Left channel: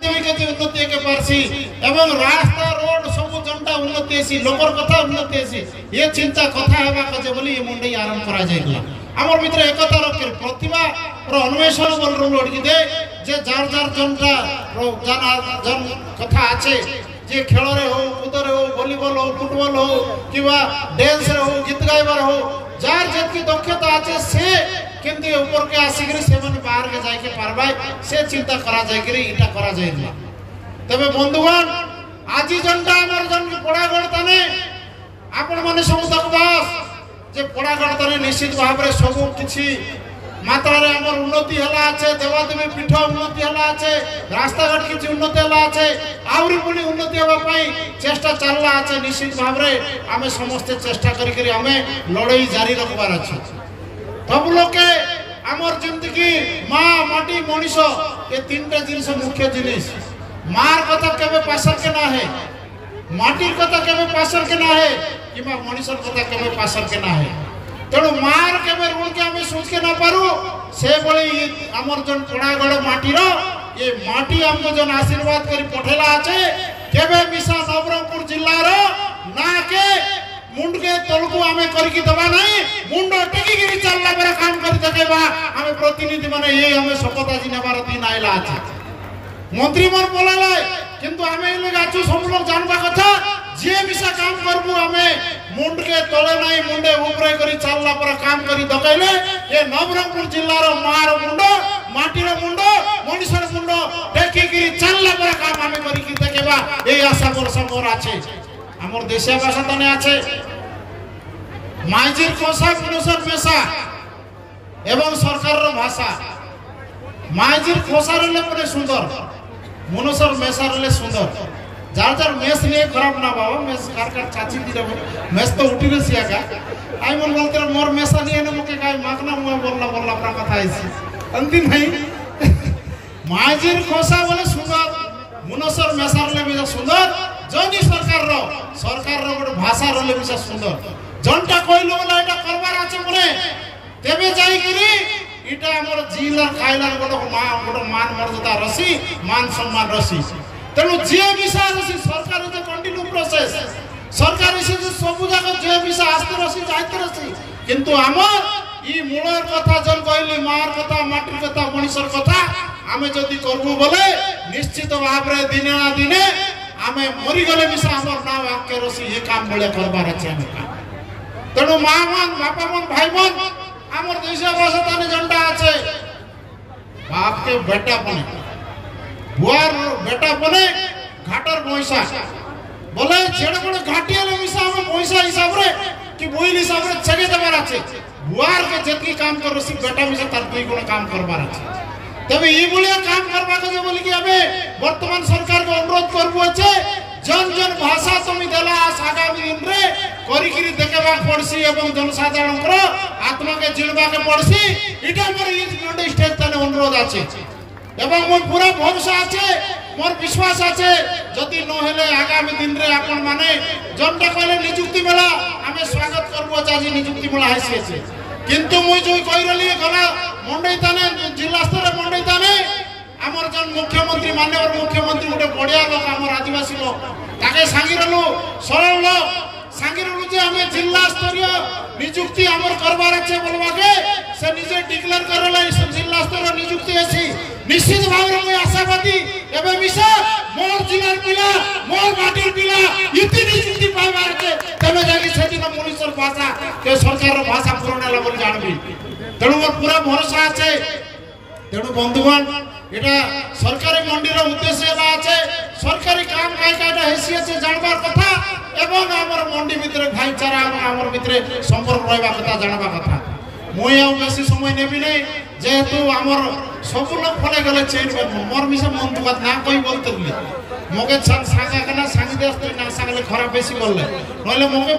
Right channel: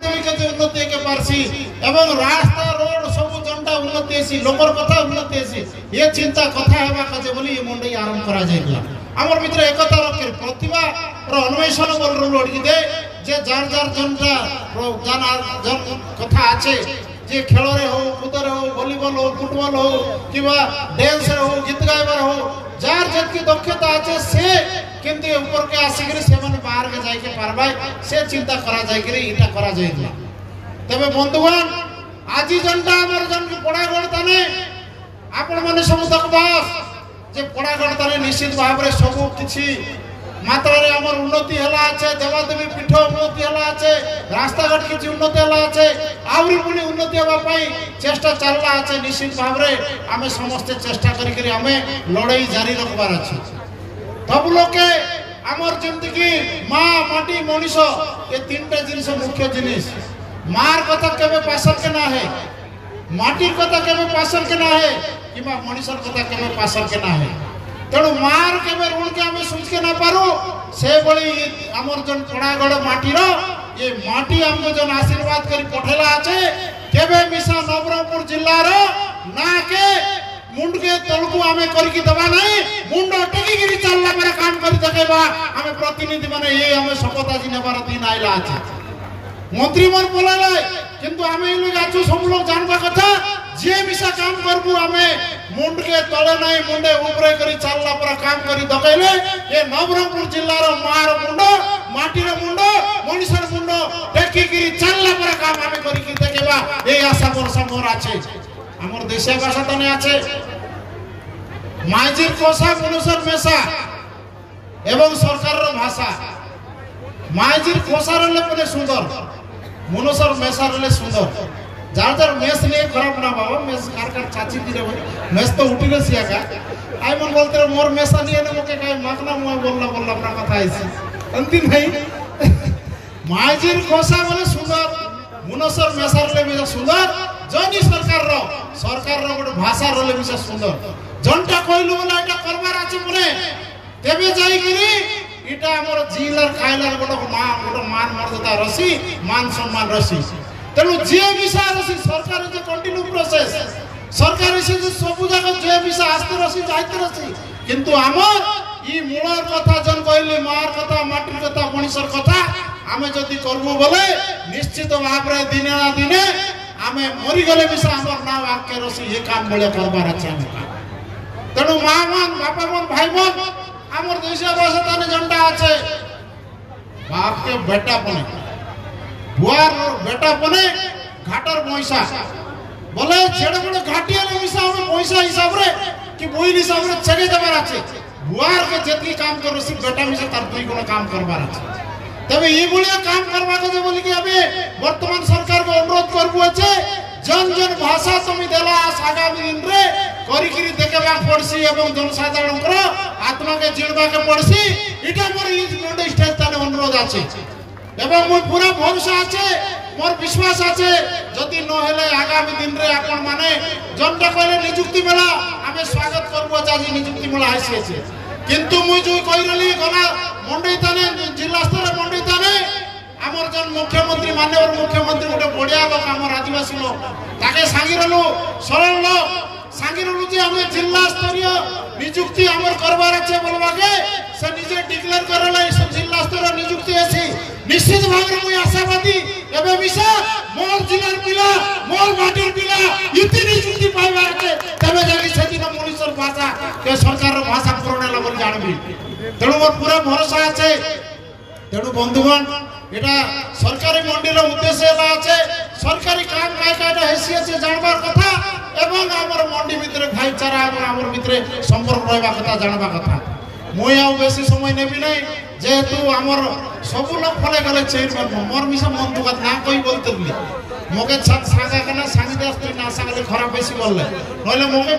उन्नति के पारसी एवं रास्ता रोड सब जनता उन्नति हेसी लोकर कथा उन्नति हेसी ये चिंता कथा हेबा कजे बोली ये मुंडई आरंभ करा जाइला हमर मित्र एकता रखे प्रतिभा रो अन्वेषण बोल रो लड़की दे जे जार जार जनता रो जन कथा आछे जे खेल रे हो कूद रे हो वॉलीबॉल हो फुटबॉल हो किबा डांस रे हो गीत गाइबार हो जार जतकी दक्षता आछे से किंतु ऊपर के आसिकरी सेवन बाहर के जाय के पारबा से चिंता करा जाय करी इटा करा जाइला तबे बंधुगण आजी जनता हमर जन पड़ागढ़ तने आपण माने सब तकबास जे पड़ागढ़ तने निश्चित भाव रे सब किछि मात्रा रे हमर उन्नति हला আছে देवादेवी पीठ उन्नति हला আছে रास्ता घाट किछि उन्नति हला আছে आउरी पुनी उन्नति होबा पई चेष्टा चलला আছে निश्चित भाव रे हमें समस्त चेष्टा करी करी हमें लड़ाई जारी रखबार अछि सब लोके आमर जिंदगी माँ माटी मनीष ये तीनटा जिनिस मुख्य जिनिस मार कथा केबे पासर के ना है माटी कथा केबे पासर के ना है किबा मनीषर कथा केबे पासर के ना है तेणु मार केबे ऋण के हमें सोच के ना पारू से बड़ी आमर जन पड़ागढ़ माटी रो ये माटी हमको जन आशीर्वाद करी पठेला आछे केबे मिसा नवरंगपुर जिल्ला रो ना के मुंड के तलकू आमे करी की दबा नहीं मुंड टेकी गिरी चलला पर काम करी देखेबा हमें प्रतिनिधि माने ये हमें शपथ आज नेबार दिन आइला আছে मंत्री मन बोलाला किंतु हमें लोग आजू सब लोग जानबा कथा जे मिसा काम करबू हमें मुंड के तळे नहीं मुंडे ऊपरे करी चलला पर काम करी दकैले ये नवरंगपुर जिल्ला रो मार मुंड माटी रो मुंड मनीषर मुंड टेकी गिरी चलला पर काम हमें करी की देखेबा ए आशा मोर আছে आमर देशिया भाषा तने आछे माइजिर कोसा मनुष्यर मेसा एवं सरकार रो भाषा माइजिर कोसा रले पने सुंदर मनुष्यर मेसा रले सुंदर जार जार मेस ने खराब ना बाबा मेस कार चाची दी रे मेस तो उठी रे सिया का आई मन बोलते मोर मेसा नहीं ने मके काय मागना मोय बोलला अपना कथा आइसी अंतिम नहीं माइजिर कोसा बोले सुंदर मनुष्यर मेसा रले भी सुंदर जनी सरकार रो गोटे भाषा रोले भी सुंदर जनटा कहलु बोला एटा करबार আছে মনে तेबे जाई करी इटा हमर जिलर खाइलर गोटे मान मर्यादा रसी मान सम्मान रसी तेनु जे विषा रसी सरकार जे कंटिन्यू प्रोसेस सरकार से जे सब जाक जे विषा आस्ते रसी जाइते रसी किंतु हमर ई मूलर कथा जन कहली मार कथा माटी कथा मनीषर कथा हमें जदी करबो बोले निश्चित भाव रे दिने ना दिने आमे मरी गले विषय हमर नाम आके रसी ये काम बळे करबार আছে हम काम तेणु माँ मन बापा मन भाई मन हमर देशिया भाषा ताने जनता আছে बाप के बेटा पने बुआर बेटा पने घाटर पैसा बोले छेड़ बड़े घाटियाले विषय हम पैसा हिसाब रे कि बोइल हिसाब रे छगे देबार আছে बुआर के जेतकी काम कर रसी बेटा विषय तार दुई गुण काम करबार আছে तबे ये बुलिया काम करबा के बोली कि हमें वर्तमान सरकार को अनुरोध करबो আছে जन जन भाषा तुम देला आगामी दिन रे करी करी देखेबा पड़सी एवं जनसाधारण को आत्मा के जिणबा के पड़सी इटा मोर ई मंडे स्टेज तने अनुरोध আছে एवं मोर पूरा भरोसा আছে मोर विश्वास আছে जदी न हेले आगामी दिन रे आपण माने जनता कहले नियुक्ति मेला हमें स्वागत करबो चाची नियुक्ति मेला आसी আছে किंतु मुई जो कहि रहली गला मंडई ताने जिला स्तर मंडई ताने हमर जन मुख्यमंत्री माननीय मुख्यमंत्री गोटे बढ़िया लोक हमर आदिवासी लोक ताके सांगिरलु सरल लोक सांगिरलु जे हमें जिला स्तरीय नियुक्ति हमर करबार আছে बोलबा के से निजे डिक्लेयर करले जिला स्तर नियुक्ति अछि निश्चित भाव रे आशावादी एबे विषय मोर जिलार पिला मोर माटीर पिला इति नियुक्ति पाइबार আছে तबे जानि सेदिन मनीषर भाषा के सरकार भाषा पुरनेला बोली जानबी तेणु मोर पूरा भरोसा আছে तेणु बंधुगण एटा सरकारी मंडी रो उद्देश्य एला আছে सरकारी काम कायदा हैसियत से जानबार कथा एवं हमर मंडी भितरे भाईचारा हमर भितरे संपर्क रहबा कथा जानबा कथा मोय आउ बेसी समय नेबी नै जेहेतु हमर सब लोग फले गले चेन मोर मिसा मन दुकान ना कोई बोलते मके सागा कना सांगी दे ना सांगले खराब बेसी बोलले नहले मके